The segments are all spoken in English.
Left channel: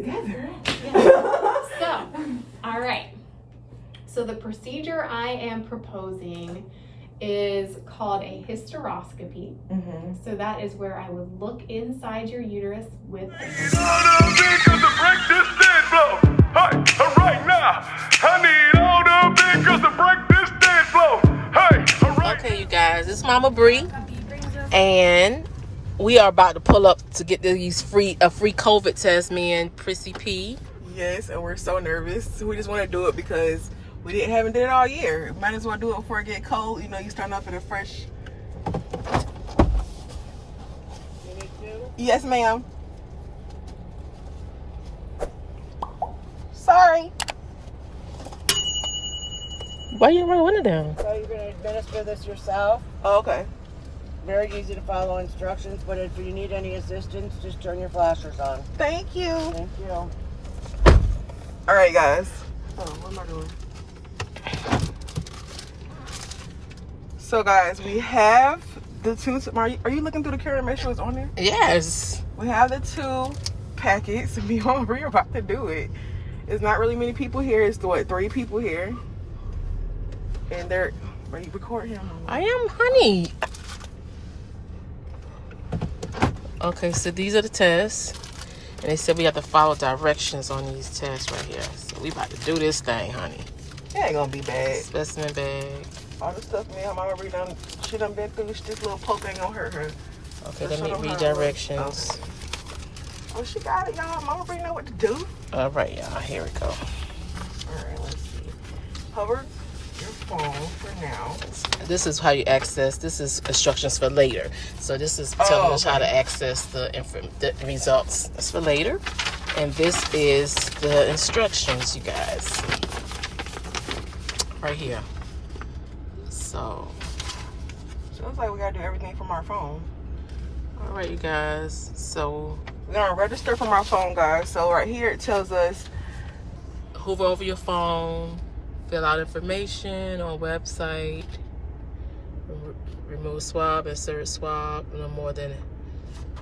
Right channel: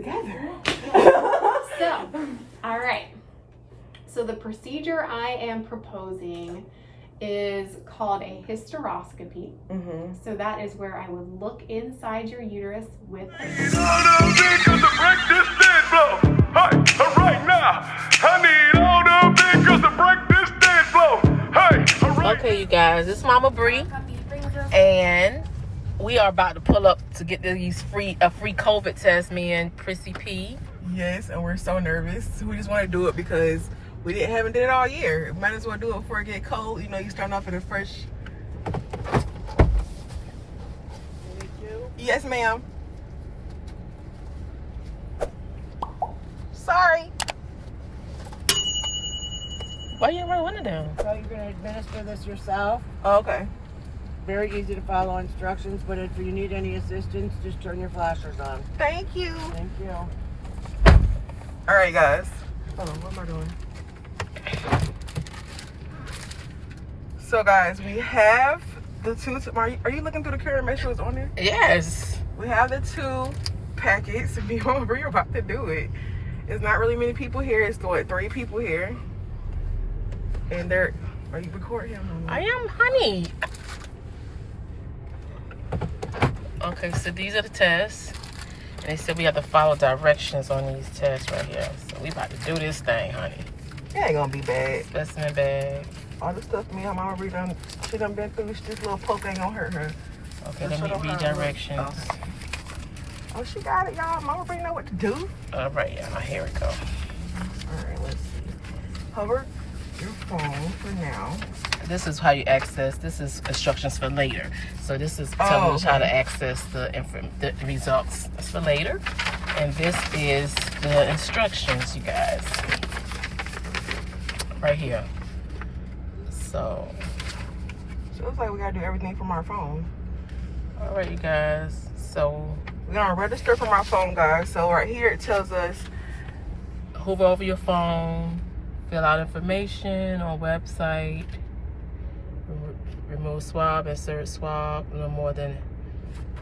together. So, all right. So the procedure I am proposing is called a hysteroscopy. So that is where I would look inside your uterus with Okay, you guys, this is Mama Bree, and we are about to pull up to get these a free COVID test, me and Prissy P. Yes, and we're so nervous. We just want to do it because we haven't did it all year. Might as well do it before it get cold. You know, you start off in a fresh. Yes, ma'am. Sorry. Why you run the window down? So you're going to administer this yourself. Oh, okay. Very easy to follow instructions, but if you need any assistance, just turn your flashers on. Thank you. Thank you. All right, guys. Hold on, what am I doing? So, guys, we have the two. Are you looking through the camera to make sure it's on there? Yes. We have the two packets. We're about to do it. It's not really many people here. It's what, 3 people here. And they're. Are you recording? I am, honey. Okay, so these are the tests. And they said we have to follow directions on these tests right here. So we about to do this thing, honey. It ain't gonna be bad. Specimen bag. All the stuff me and Mama Bree done, she done been through. This little poke ain't gonna hurt her. Okay, let me read directions. Okay. Oh, she got it, y'all. Mama Bree know what to do. All right, y'all. Here we go. All right, let's see. Hover your phone for now. This is how you access. This is instructions for later. So this is telling us how to access the results. That's for later. And this is the instructions, you guys. Right here. So it looks like we gotta do everything from our phone. All right, you guys. So we're gonna register from our phone, guys. So right here it tells us hover over your phone, fill out information on website, remove swab, insert swab, no more than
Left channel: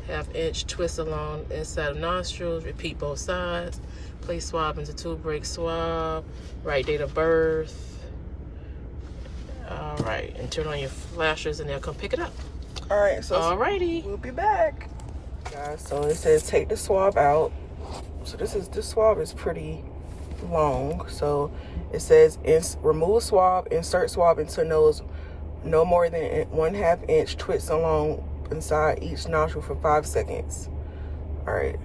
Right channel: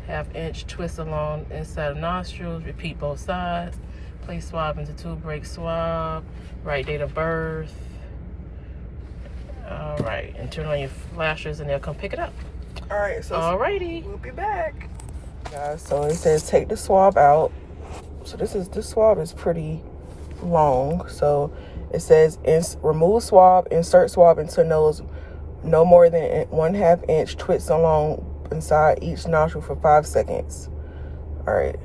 ½ inch, twist along inside of nostrils, repeat both sides, place swab into tube, break swab, write date of birth. All right, and turn on your flashers and they'll come pick it up. All right, so alrighty, we'll be back. Guys, so it says take the swab out. So this swab is pretty long. So it says remove swab, insert swab into nose no more than ½ inch, twist along inside each nostril for 5 seconds. All right.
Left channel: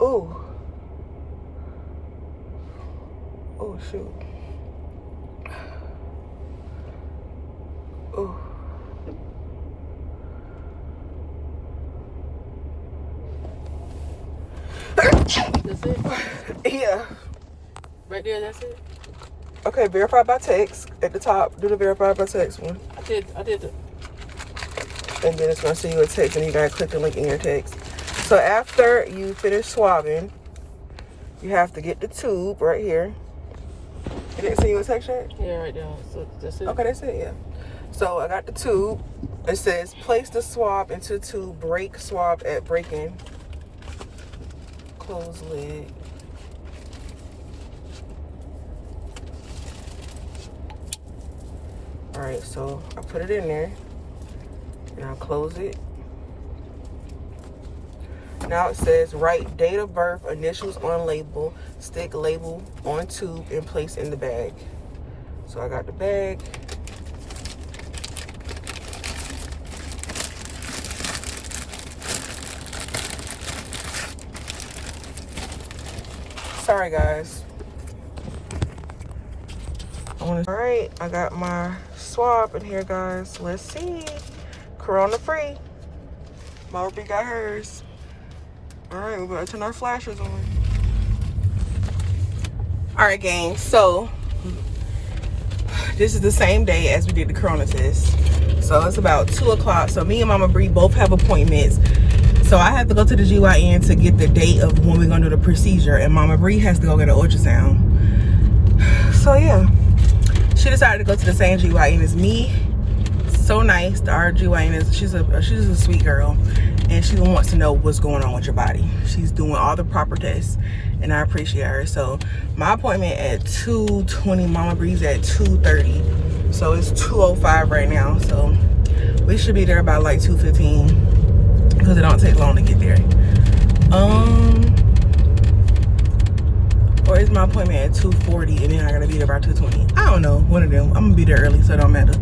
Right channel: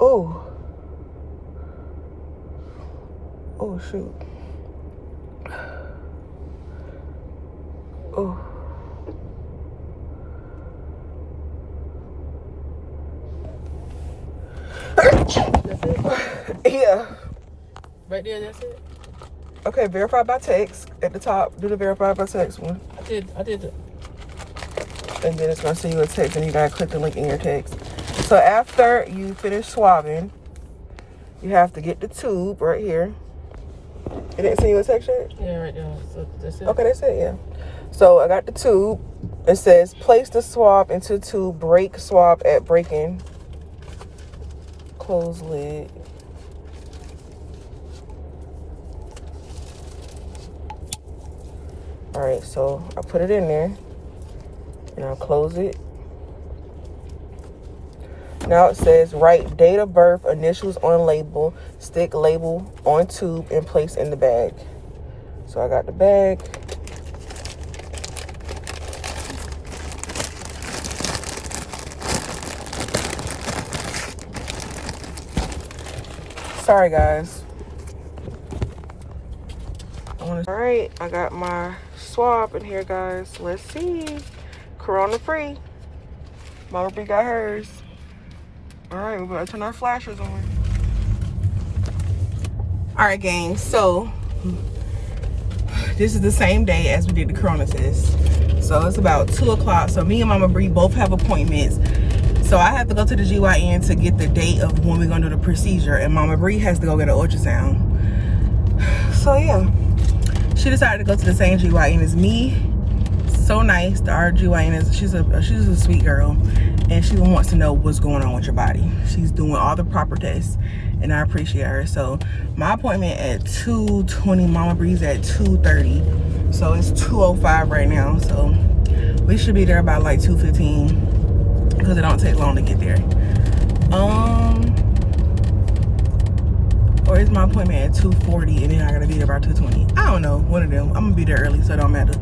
Oh. Oh, shoot. Oh. That's it? Yeah. Right there, that's it? Okay, verify by text at the top. Do the verify by text one. I did it. And then it's going to send you a text and you got to click the link in your text. So after you finish swabbing, you have to get the tube right here. It didn't send you a text yet? Yeah, right there. So that's it. Okay, that's it, yeah. So I got the tube. It says place the swab into tube, break swab at break-in. Close lid. All right, so I put it in there and I'll close it. Now it says write date of birth, initials on label, stick label on tube and place in the bag. So I got the bag. Sorry guys. All right, I got my swab in here, guys. Let's see. Corona free. Mama Bree got hers. All right, we better turn our flashers on. All right, gang. So this is the same day as we did the corona test. So it's about 2 o'clock. So me and Mama Bree both have appointments. So I have to go to the GYN to get the date of when we're gonna do the procedure, and Mama Bree has to go get an ultrasound. So yeah, she decided to go to the same GYN as me. So nice. Our GYN is she's a sweet girl, and she wants to know what's going on with your body. She's doing all the proper tests, and I appreciate her. So my appointment at 2:20, Mama Breeze at 2:30. So it's 2:05 right now. So we should be there by like 2:15 because it don't take long to get there. Or is my appointment at 2:40 and then I gotta be there by 2:20? I don't know, one of them. I'm gonna be there early, so it don't matter.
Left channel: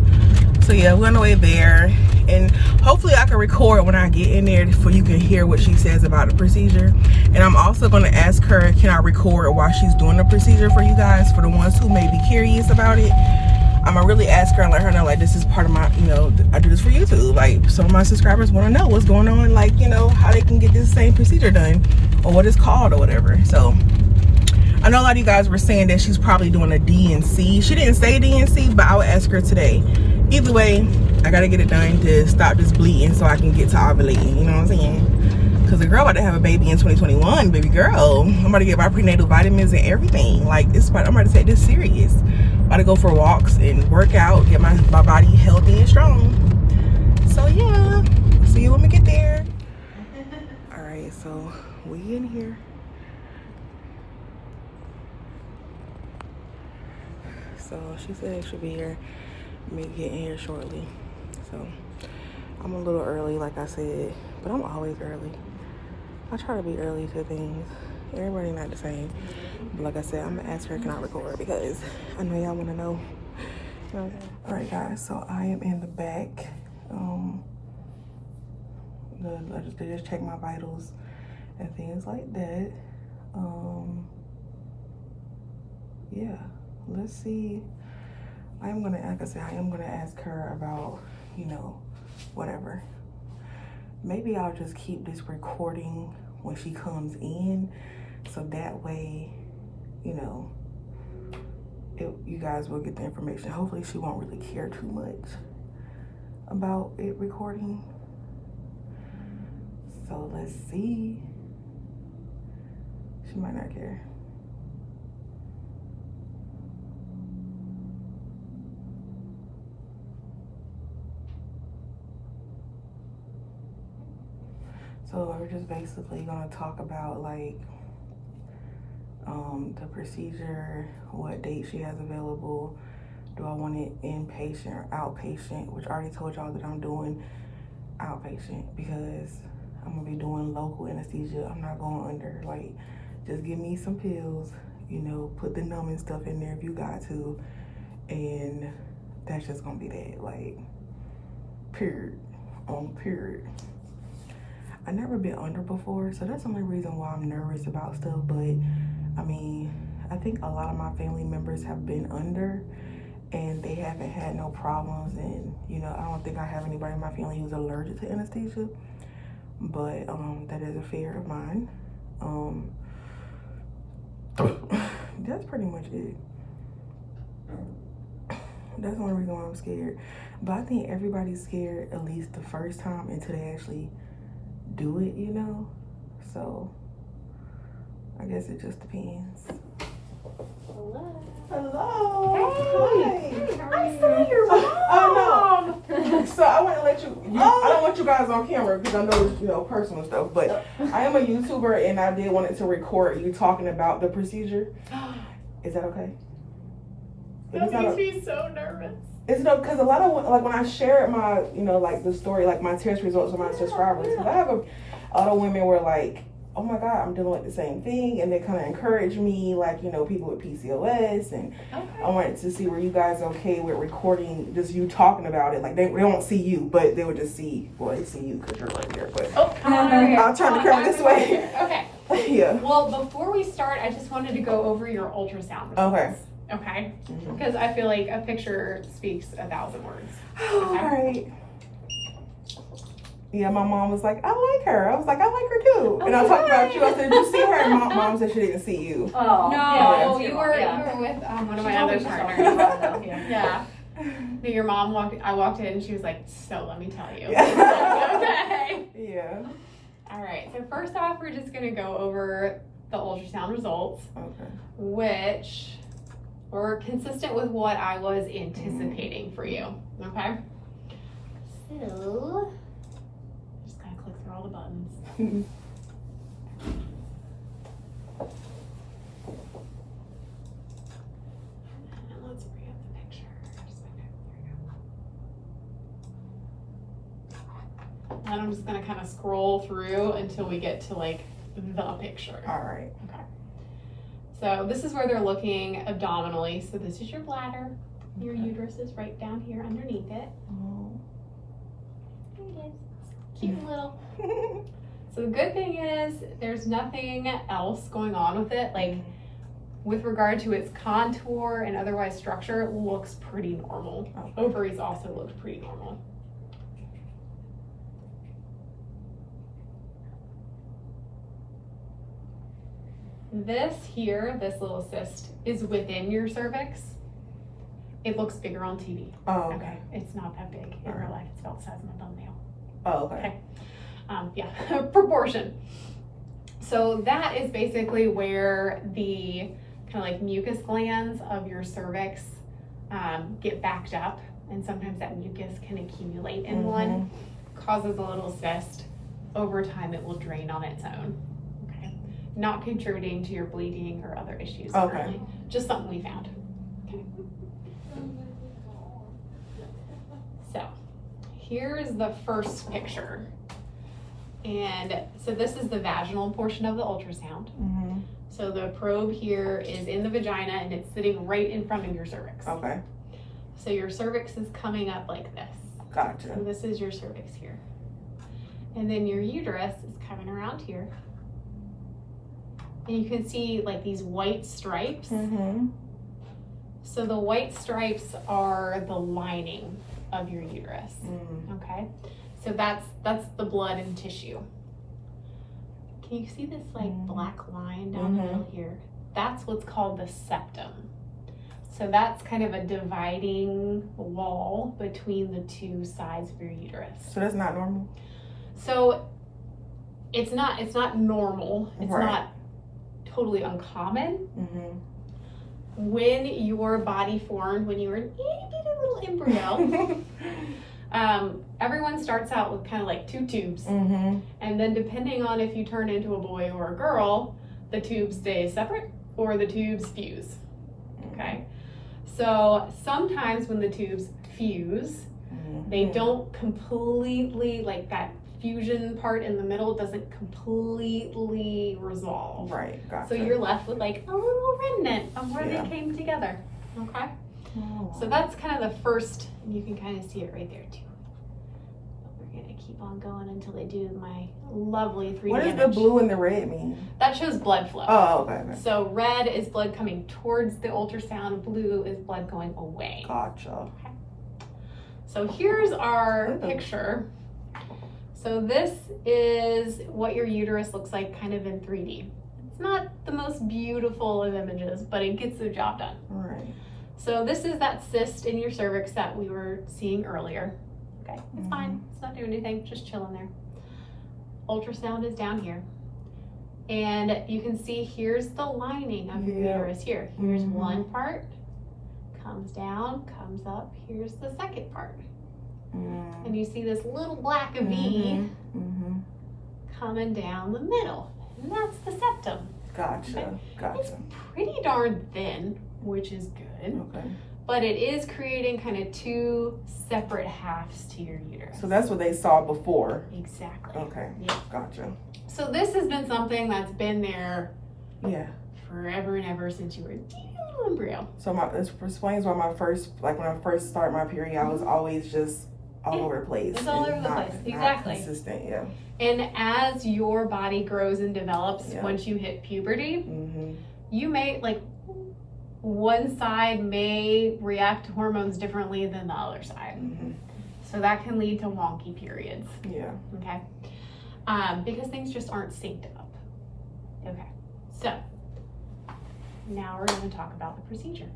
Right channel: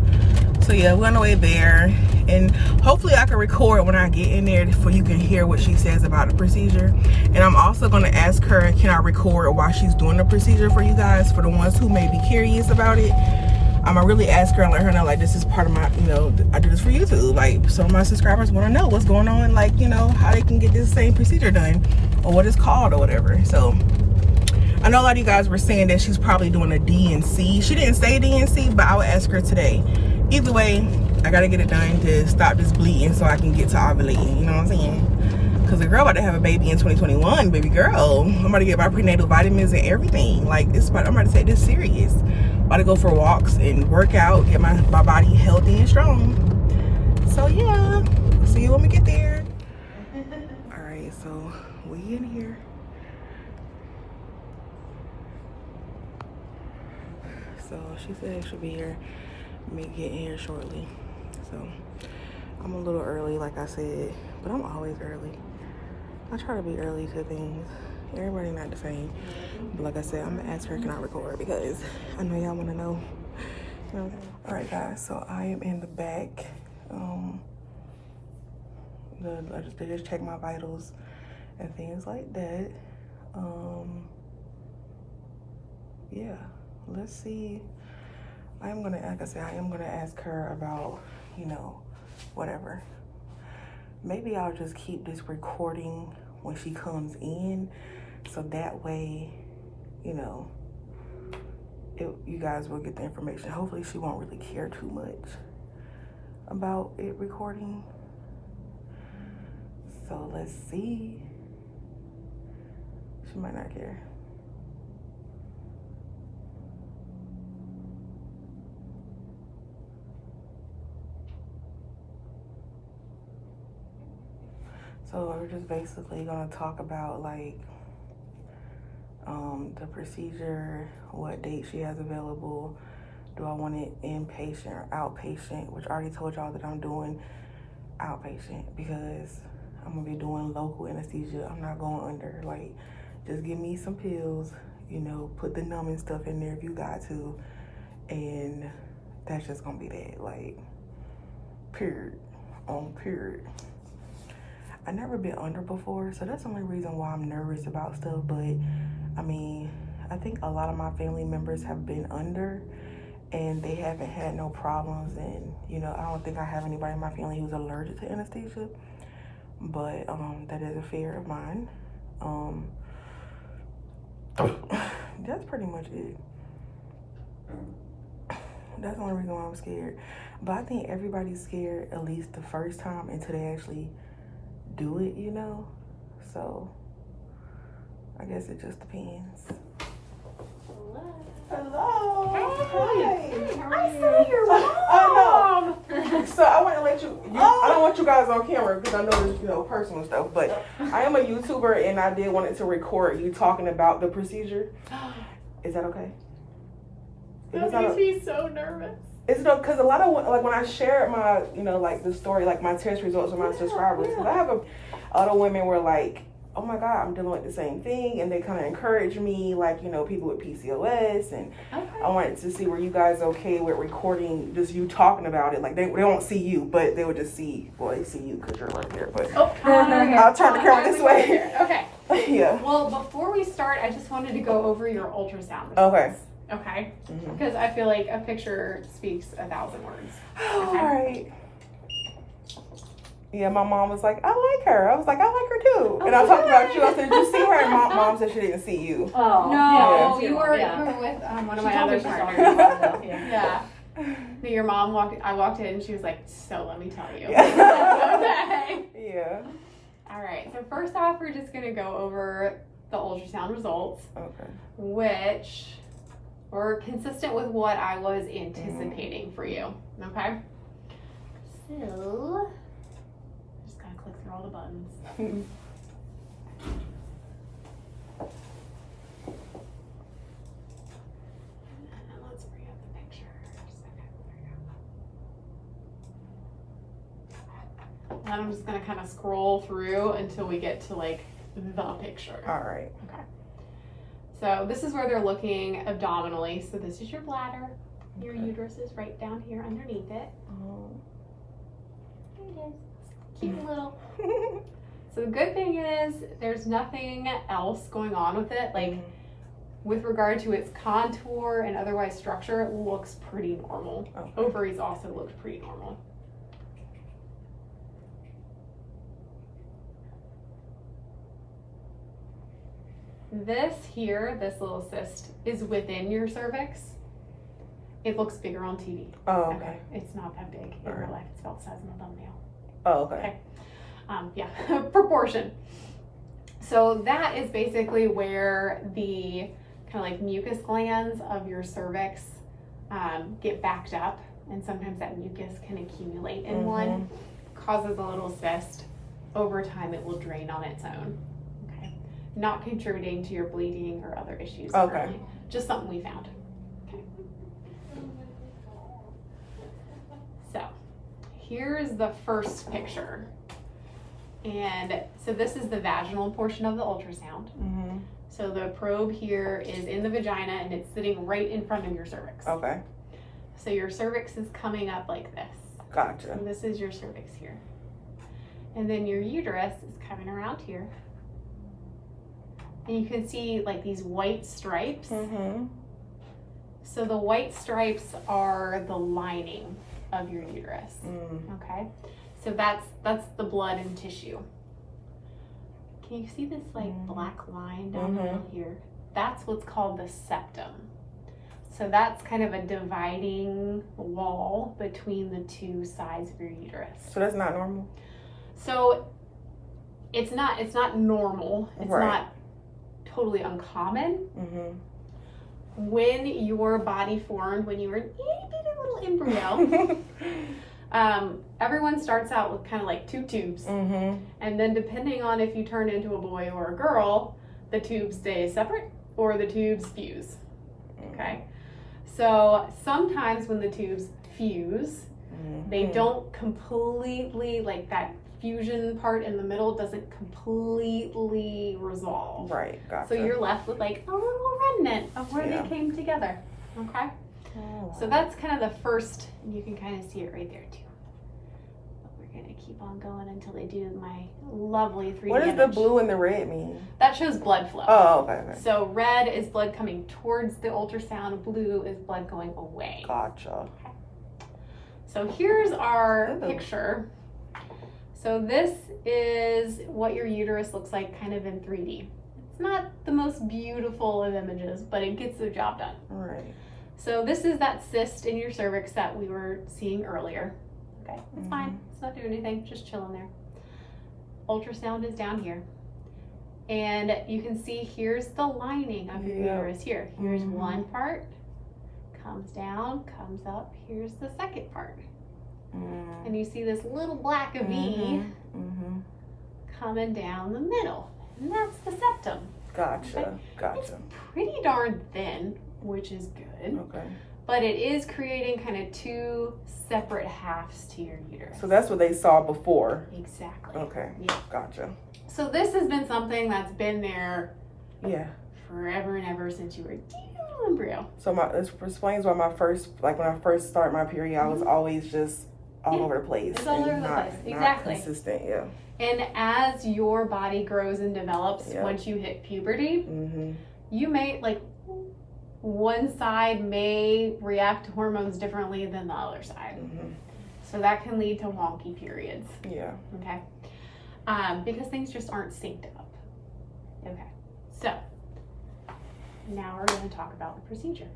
So yeah, we're on the way there, and hopefully I can record when I get in there so you can hear what she says about the procedure. And I'm also gonna ask her, can I record while she's doing the procedure for you guys, for the ones who may be curious about it. I'm gonna really ask her and let her know, like, this is part of my, you know, I do this for YouTube. Like, some of my subscribers want to know what's going on, like, you know, how they can get this same procedure done, or what it's called or whatever. So I know a lot of you guys were saying that she's probably doing a D&C. She didn't say D&C, but I would ask her today. Either way, I gotta get it done to stop this bleeding so I can get to ovulating, you know what I'm saying? Because the girl about to have a baby in 2021, baby girl. I'm about to get my prenatal vitamins and everything. Like, I'm about to take this serious. About to go for walks and work out, get my body healthy and strong. So yeah, see you when we get there. All right, so we in here. So she said it should be here, me getting here shortly. So I'm a little early, like I said, but I'm always early. I try to be early to things. Everybody not the same. But like I said, I'm gonna ask her, can I record? Because I know y'all wanna know. You know what I'm saying? All right, guys, so I am in the back. They just check my vitals and things like that. Yeah, let's see. I'm gonna, like I said, I am gonna ask her about, you know, whatever. Maybe I'll just keep this recording when she comes in, so that way, you know, you guys will get the information. Hopefully she won't really care too much about it recording. So let's see. She might not care. So we're just basically gonna talk about, like, the procedure, what date she has available. Do I want it inpatient or outpatient? Which I already told y'all that I'm doing outpatient because I'm gonna be doing local anesthesia. I'm not going under. Like, just give me some pills, you know, put the numbing stuff in there if you got to, and that's just gonna be that. Like, period on period. I've never been under before, so that's the only reason why I'm nervous about stuff. But I mean, I think a lot of my family members have been under and they haven't had no problems. And, you know, I don't think I have anybody in my family who's allergic to anesthesia, but that is a fear of mine. That's pretty much it. That's the only reason why I'm scared. But I think everybody's scared at least the first time until they actually do it, you know? So I guess it just depends. Hello. Hey, how are you? I saw your mom. Oh no. So I want to let you, I don't want you guys on camera because I know it's, you know, personal stuff, but I am a YouTuber and I did want to record you talking about the procedure. Is that okay? That makes me so nervous. It's no, because a lot of, like, when I share my, you know, like, the story, like, my test results with my subscribers, because I have a lot of women were like, oh my God, I'm dealing with the same thing, and they kind of encourage me, like, you know, people with PCOS, and I wanted to see, were you guys okay with recording just you talking about it? Like, they don't see you, but they would just see, well, they see you because you're right there, but I'll turn the camera this way. Okay. Yeah. Well, before we start, I just wanted to go over your ultrasound results. Okay. Okay? Because I feel like a picture speaks 1,000 words. Okay? All right. Yeah, my mom was like, I like her. I was like, I like her too. And I talked about you. I said, did you see her? And mom said she didn't see you. Oh. No, you were with one of my other partners. Yeah. Your mom I walked in and she was like, so let me tell you. Okay. Yeah. All right. So first off, we're just going to go over the ultrasound results. Okay. Which or consistent with what I was anticipating for you, okay? So, just gotta click through all the buttons. And let's bring up the pictures. Okay, there you go. And I'm just gonna kind of scroll through until we get to like the picture. All right. Okay. So this is where they're looking abdominally. So this is your bladder. Your uterus is right down here underneath it. Oh. There it is. Cute little. So the good thing is there's nothing else going on with it. Like with regard to its contour and otherwise structure, it looks pretty normal. Okay. Ovaries also look pretty normal. This here, this little cyst, is within your cervix. It looks bigger on TV. Oh, okay. It's not that big in real life. It's about the size of my thumbnail. Oh, okay. Yeah, proportion. So that is basically where the kind of like mucus glands of your cervix get backed up, and sometimes that mucus can accumulate in one, causes a little cyst. Over time, it will drain on its own. Okay, not contributing to your bleeding or other issues. Okay. Currently. Just something we found. Okay. So here's the first picture. And so this is the vaginal portion of the ultrasound. So the probe here is in the vagina and it's sitting right in front of your cervix. Okay. So your cervix is coming up like this. Gotcha. And this is your cervix here. And then your uterus is coming around here. And you can see like these white stripes. So the white stripes are the lining of your uterus. Okay. So that's the blood and tissue. Can you see this like black line down the middle here? That's what's called the septum. So that's kind of a dividing wall between the two sides of your uterus. So that's not normal? So it's not normal. It's Right. not totally uncommon. When your body formed, when you were an itty bitty little embryo, everyone starts out with kind of like two tubes. And then depending on if you turn into a boy or a girl, the tubes stay separate or the tubes fuse. Okay. So sometimes when the tubes fuse, they don't completely, like that fusion part in the middle doesn't completely resolve. Right, gotcha. So you're left with like a little remnant of where they came together. Okay. So that's kind of the first, you can kind of see it right there too. We're gonna keep on going until they do my lovely 3D What does the blue and the red mean? That shows blood flow. Oh, okay. So red is blood coming towards the ultrasound, blue is blood going away. Gotcha. Okay. So here's our picture. So this is what your uterus looks like kind of in 3D. It's not the most beautiful of images, but it gets the job done. All right. So this is that cyst in your cervix that we were seeing earlier. Okay, it's fine. It's not doing anything, just chilling there. Ultrasound is down here. And you can see here's the lining of your uterus here. Here's one part, comes down, comes up. Here's the second part. And you see this little black V coming down the middle. And that's the septum. Gotcha. It's pretty darn thin, which is good. Okay. But it is creating kind of two separate halves to your uterus. So that's what they saw before. Exactly. Okay. Yeah. Gotcha. So this has been something that's been there forever and ever since you were a little embryo. So this explains why when I first started my period, I was always just all over the place. It's all over the place. Exactly. Not consistent, And as your body grows and develops, once you hit puberty, you may, like, one side may react to hormones differently than the other side. So that can lead to wonky periods. Yeah. Okay. Because things just aren't synced up. Okay. So now we're going to talk about the procedure.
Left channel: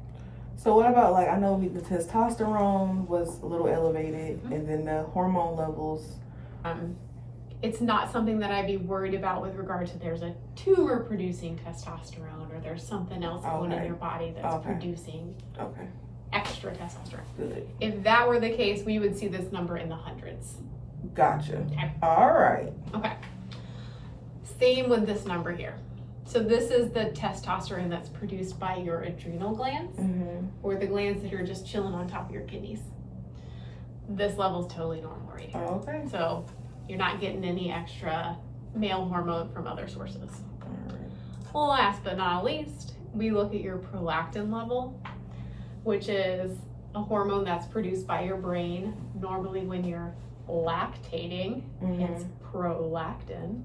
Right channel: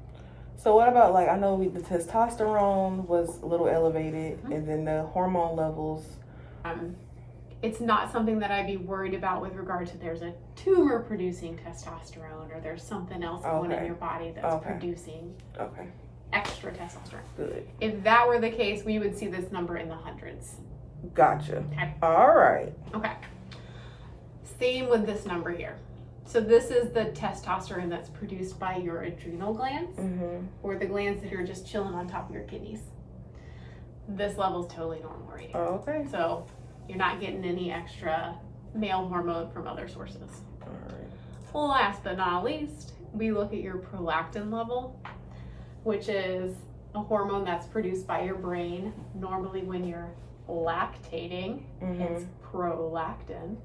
So what about, like, I know the testosterone was a little elevated, and then the hormone levels? it's not something that I'd be worried about with regard to there's a tumor producing testosterone or there's something else going in your body that's producing extra testosterone. Good. If that were the case, we would see this number in the hundreds. Gotcha. Okay. All right. Okay. Same with this number here. So this is the testosterone that's produced by your adrenal glands, or the glands that are just chilling on top of your kidneys. This level is totally normal right here. Okay. So you're not getting any extra male hormone from other sources. All right. Last but not least, we look at your prolactin level, which is a hormone that's produced by your brain normally when you're lactating. Hence prolactin.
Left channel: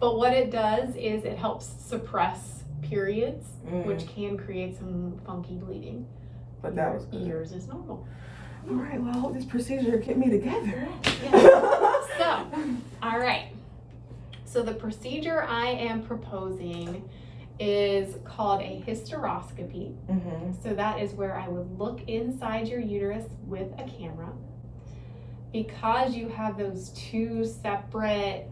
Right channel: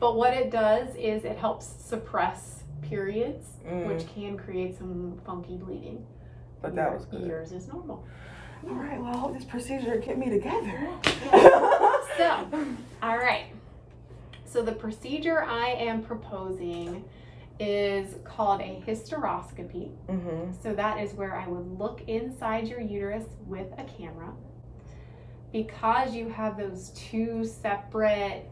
But what it does is it helps suppress periods, which can create some funky bleeding. But that was good. Yours is normal. All right, well, I hope this procedure get me together. So, all right. So the procedure I am proposing is called a hysteroscopy. So that is where I would look inside your uterus with a camera. Because you have those two separate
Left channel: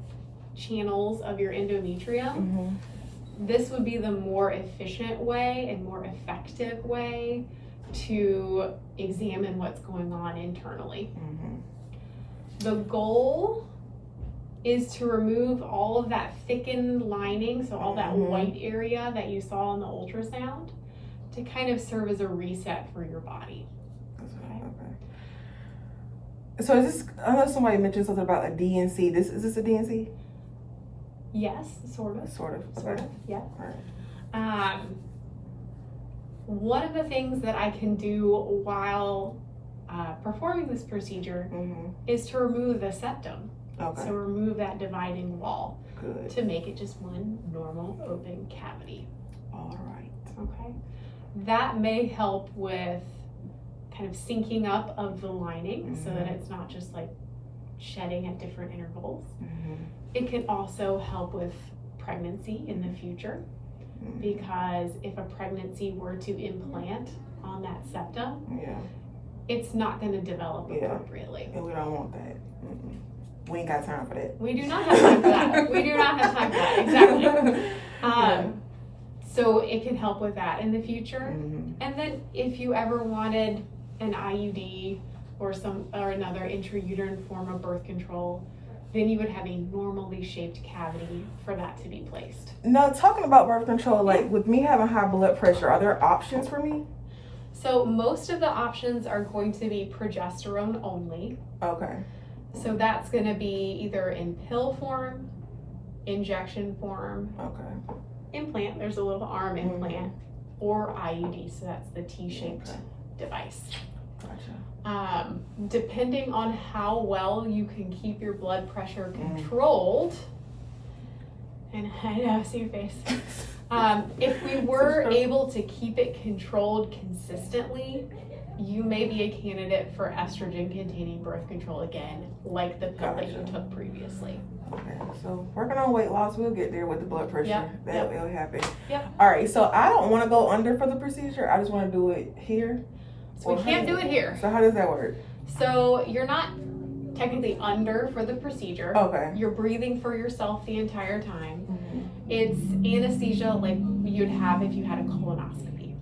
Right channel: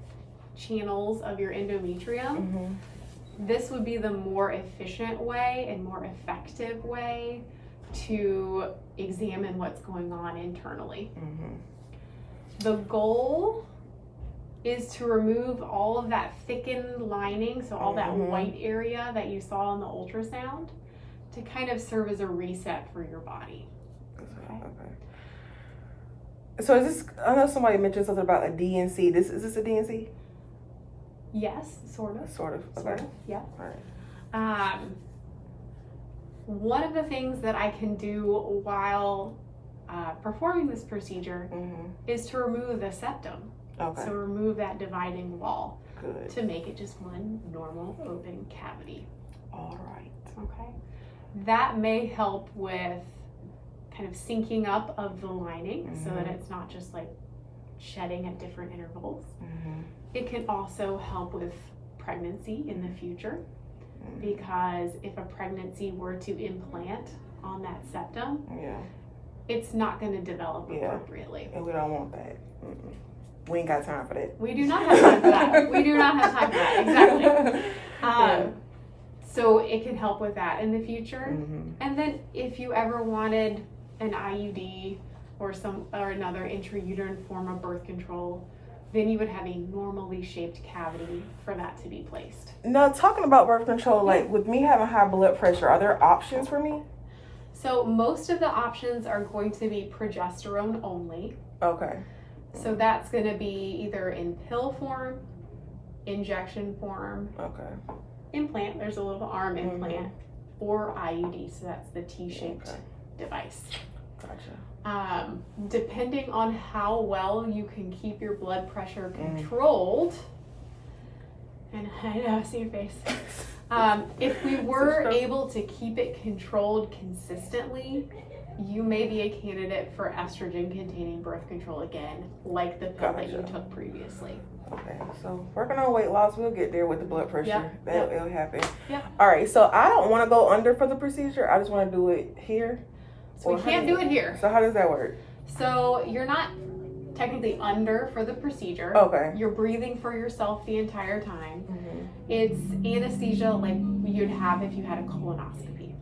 channels of your endometrium, this would be the more efficient way and more effective way to examine what's going on internally. The goal is to remove all of that thickened lining, so all that white area that you saw on the ultrasound, to kind of serve as a reset for your body. So is this, I know somebody mentioned something about a DNC. Is this a DNC? Yes, sort of. Sort of. Sort Okay. of, yeah. All right. One of the things that I can do while performing this procedure is to remove the septum. Okay. So remove that dividing wall. Good. To make it just one normal open cavity. All right. Okay. That may help with kind of syncing up of the lining so that it's not just like shedding at different intervals. It can also help with pregnancy in the future, because if a pregnancy were to implant on that septum, it's not going to develop appropriately. And we don't want that. We ain't got time for that. We do not have time for that. We do not have time for that. Exactly. So it can help with that in the future. And then if you ever wanted an IUD or another intrauterine form of birth control, then you would have a normally shaped cavity for that to be placed. Now, talking about birth control, like with me having high blood pressure, are there options for me? So most of the options are going to be progesterone only. Okay. So that's going to be either in pill form, injection form, implant, there's a little arm implant, or IUD, so that's the T-shaped device. Gotcha. Depending on how well you can keep your blood pressure controlled, and I know, I see your face. If we were able to keep it controlled consistently, you may be a candidate for estrogen-containing birth control again, like the pill that you took previously. Okay, so working on weight loss, we'll get there with the blood pressure. Yep. That'll happen. Yep. All right, so I don't want to go under for the procedure. I just want to do it here. So we can't do it here. So how does that work? So you're not technically under for the procedure. Okay. You're breathing for yourself the entire time. It's anesthesia like you'd have if you had a colonoscopy.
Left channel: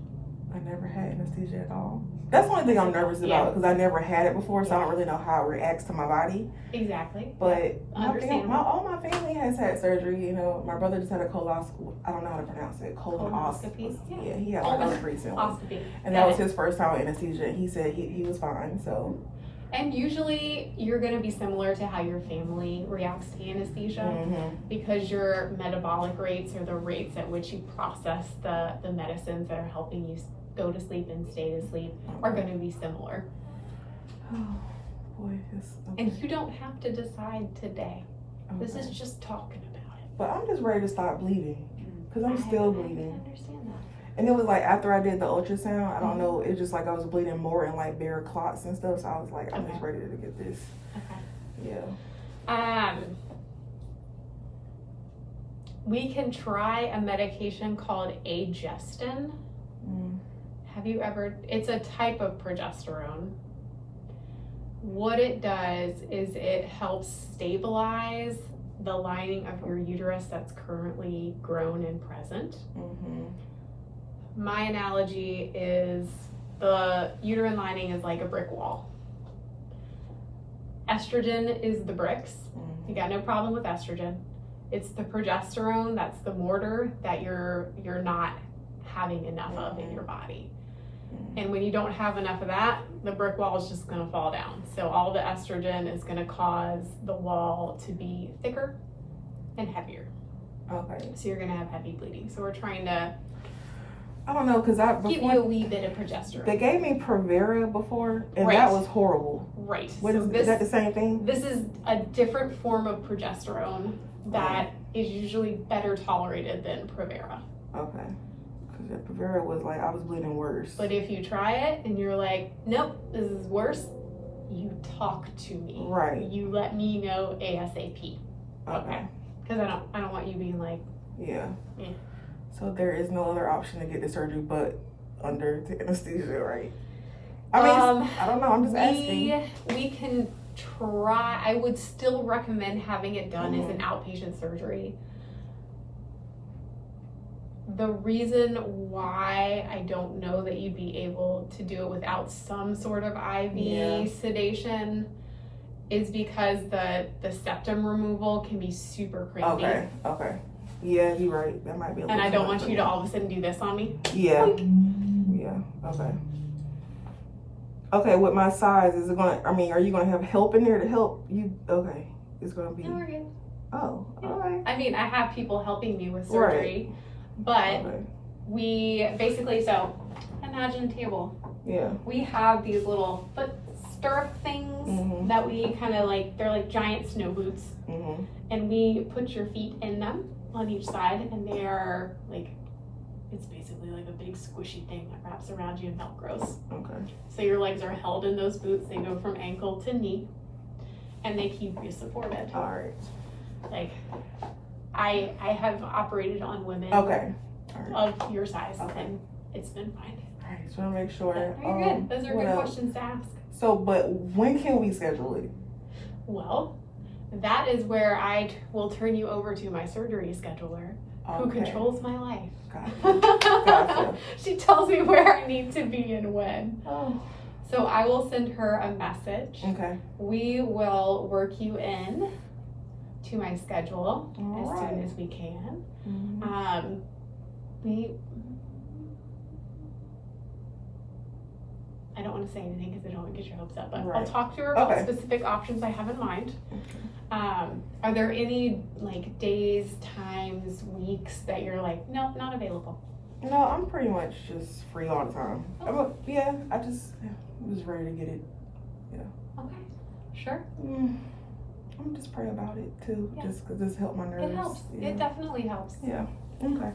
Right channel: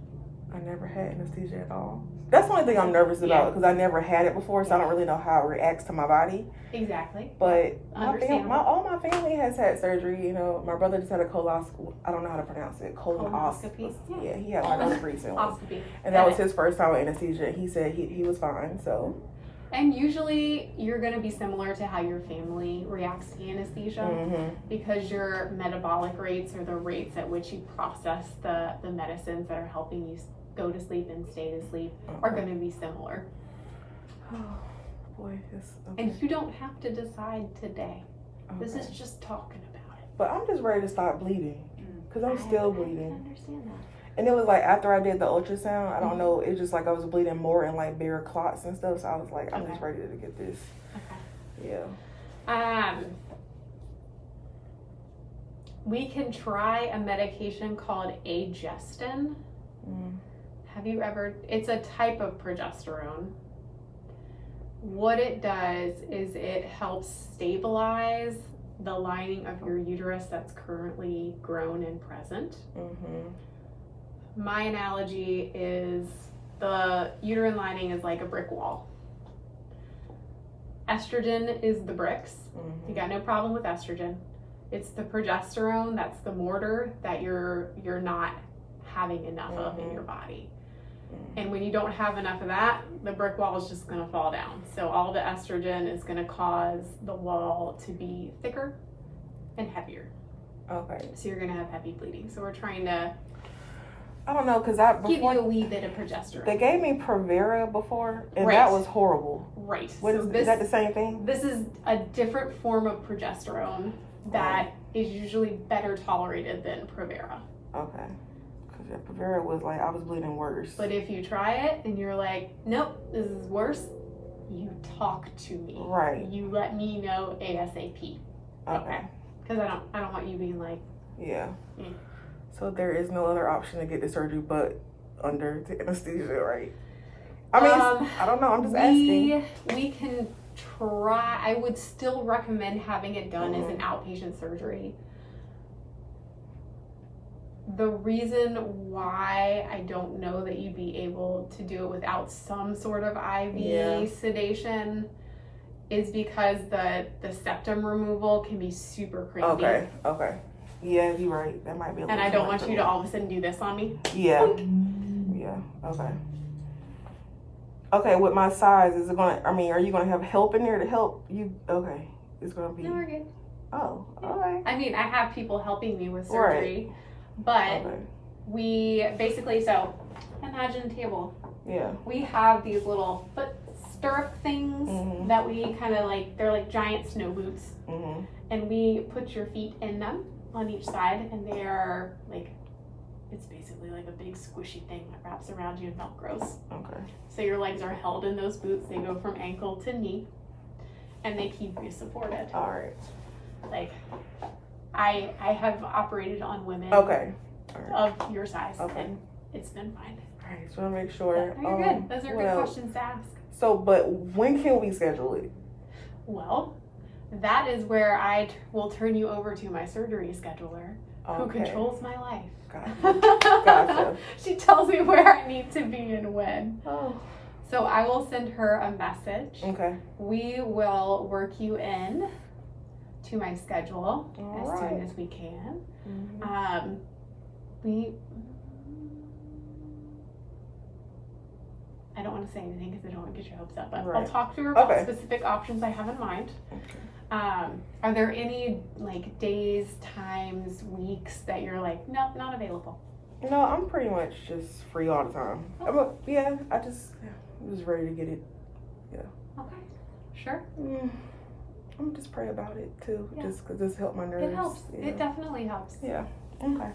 I never had anesthesia at all. That's the only thing I'm nervous about, because I never had it before, so I don't really know how it reacts to my body. Exactly. But Understandable. all my family has had surgery. You know, my brother just had a colonoscopy. I don't know how to pronounce it. Colonoscopy. Yeah, he had one recently. And that was his first time with anesthesia. And he said he was fine. So. And usually you're going to be similar to how your family reacts to anesthesia, because your metabolic rates, or the rates at which you process the medicines that are helping you go to sleep and stay to sleep, are going to be similar. Oh boy, and you don't have to decide today. This is just talking about it. But I'm just ready to stop bleeding, because I'm still bleeding. I understand that. And it was like after I did the ultrasound, I don't know, it was just like I was bleeding more in like bare clots and stuff. So I was like, I'm just ready to get this. Yeah. We can try a medication called Pdshadesonline. Have you ever? It's a type of progesterone. What it does is it helps stabilize the lining of your uterus that's currently grown and present. My analogy is the uterine lining is like a brick wall. Estrogen is the bricks. You got no problem with estrogen. It's the progesterone, that's the mortar that you're not having enough of in your body. And when you don't have enough of that, the brick wall is just going to fall down. So all the estrogen is going to cause the wall to be thicker and heavier. Okay. So you're going to have heavy bleeding. So we're trying to, I don't know, because give you a wee bit of progesterone. They gave me Provera before, and Right. that was horrible. Right. What So is that the same thing? This is a different form of progesterone that is usually better tolerated than Provera. Okay. Because Provera was like, I was bleeding worse. But if you try it and you're like, nope, this is worse, you talk to me. Right. You let me know ASAP. Okay. Because I don't want you being like, Yeah. Yeah. So there is no other option to get the surgery but under the anesthesia, right? I mean, I don't know. I'm just asking. We can try. I would still recommend having it done as an outpatient surgery. The reason why I don't know that you'd be able to do it without some sort of IV sedation is because the septum removal can be super creepy. Okay. Yeah, you're right. That might be a little. And I don't want you to all of a sudden do this on me. Yeah. Okay. Okay, with my size, is it gonna, I mean, are you gonna have help in there to help you? Okay. It's gonna be. No, we're good. Oh, okay. I mean, I have people helping me with surgery, but we basically, so imagine a table. Yeah. We have these little foot stirrup things that we kind of like, they're like giant snow boots. And we put your feet in them on each side, and they are like, it's basically like a big squishy thing that wraps around you and Velcros. Okay. So your legs are held in those boots. They go from ankle to knee, and they keep you supported. All right. Like, I have operated on women of your size, and it's been fine. All right, so I want to make sure. You're good. Those are good questions to ask. So, but when can we schedule it? Well, that is where I will turn you over to my surgery scheduler, who controls my life. Gotcha. She tells me where I need to be and when. Oh. So I will send her a message. Okay. We will work you in to my schedule as soon as we can. I don't want to say anything because I don't want to get your hopes up, but I'll talk to her about specific options I have in mind. Are there any like days, times, weeks that you're like, nope, not available? No, I'm pretty much just free all the time. I'm just ready to get it. Yeah. Okay. Sure. I'm just praying about it too, just because this helped my nerves. It helps. It definitely helps. Yeah. Okay.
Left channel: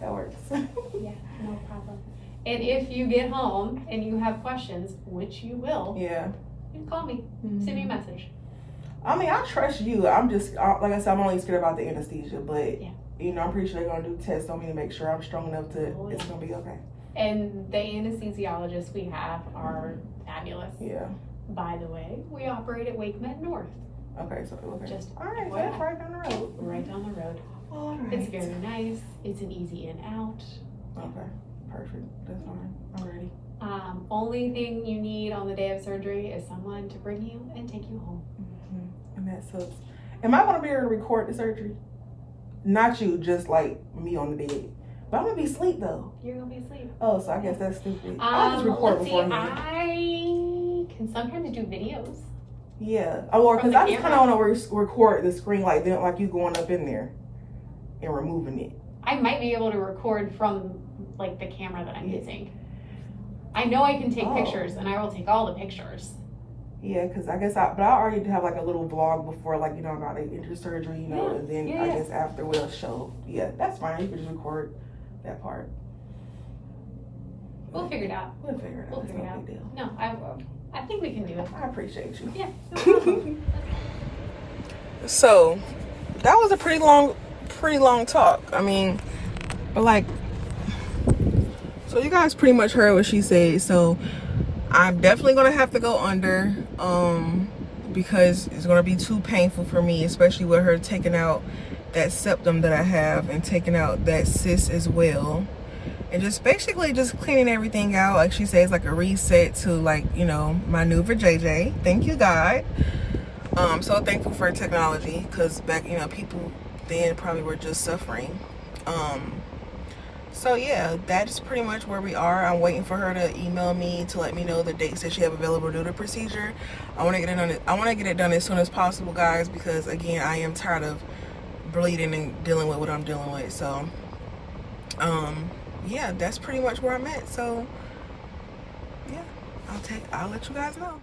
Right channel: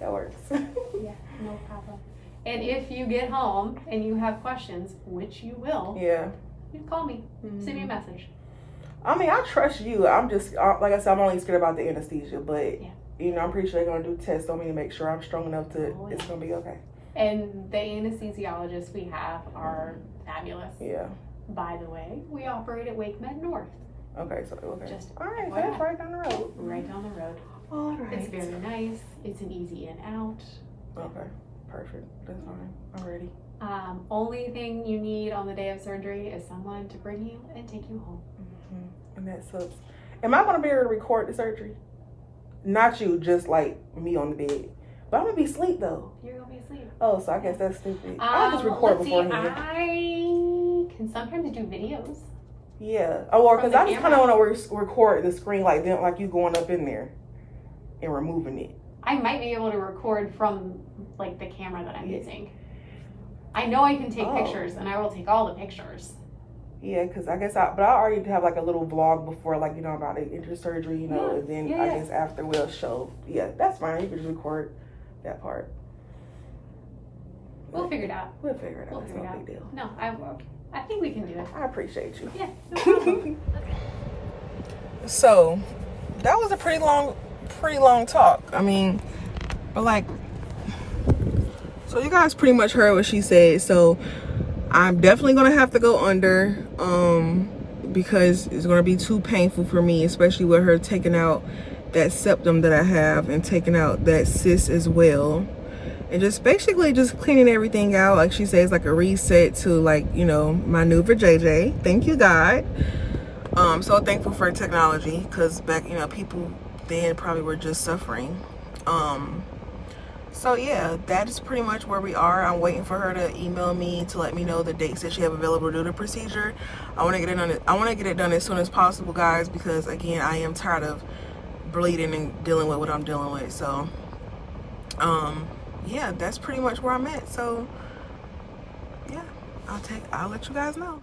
That works. Yeah, no problem. And if you get home and you have questions, which you will, you can call me. Send me a message. I mean, I trust you. I'm just, like I said, I'm only scared about the anesthesia, but you know, I'm pretty sure they're gonna do tests on me to make sure I'm strong enough to. It's gonna be okay. And the anesthesiologists we have are fabulous. Yeah. By the way, we operate at Wake Med North. Okay, so Just all right, that's right down the road. Right down the road. All right. It's very nice. It's an easy in out. Okay, perfect. That's fine. I'm ready. Only thing you need on the day of surgery is someone to bring you and take you home. And that sucks. Am I gonna be able to record the surgery? Not you, just like me on the bed. But I'm gonna be asleep though. You're gonna be asleep. Oh, so I guess that's stupid. I'll just record before you. I can sometimes do videos. Yeah. Oh, because I just kind of want to record the screen like you going up in there and removing it. I might be able to record from like the camera that I'm using. I know I can take pictures, and I will take all the pictures. Yeah, because I guess I already have like a little vlog before, like, you know, about the surgery, you know, and then I guess after we'll show. Yeah, that's fine. You can just record that part. We'll figure it out. We'll figure it out. It's no big deal. No, I will. I think we can do it. I appreciate you. Yeah. No So, that was a pretty long talk. I mean, but like, so you guys pretty much heard what she said. So, I'm definitely gonna have to go under because it's gonna be too painful for me, especially with her taking out that septum that I have and taking out that cyst as well, and just basically just cleaning everything out. Like she says, like a reset to, like, you know, my new JJ. Thank you, God. So thankful for technology, because back, you know, people then probably were just suffering. So yeah, that is pretty much where we are. I'm waiting for her to email me to let me know the dates that she have available to do the procedure. I want to get it done. I want to get it done as soon as possible, guys, because again, I am tired of bleeding and dealing with what I'm dealing with. So yeah, that's pretty much where I'm at. So yeah, I'll let you guys know.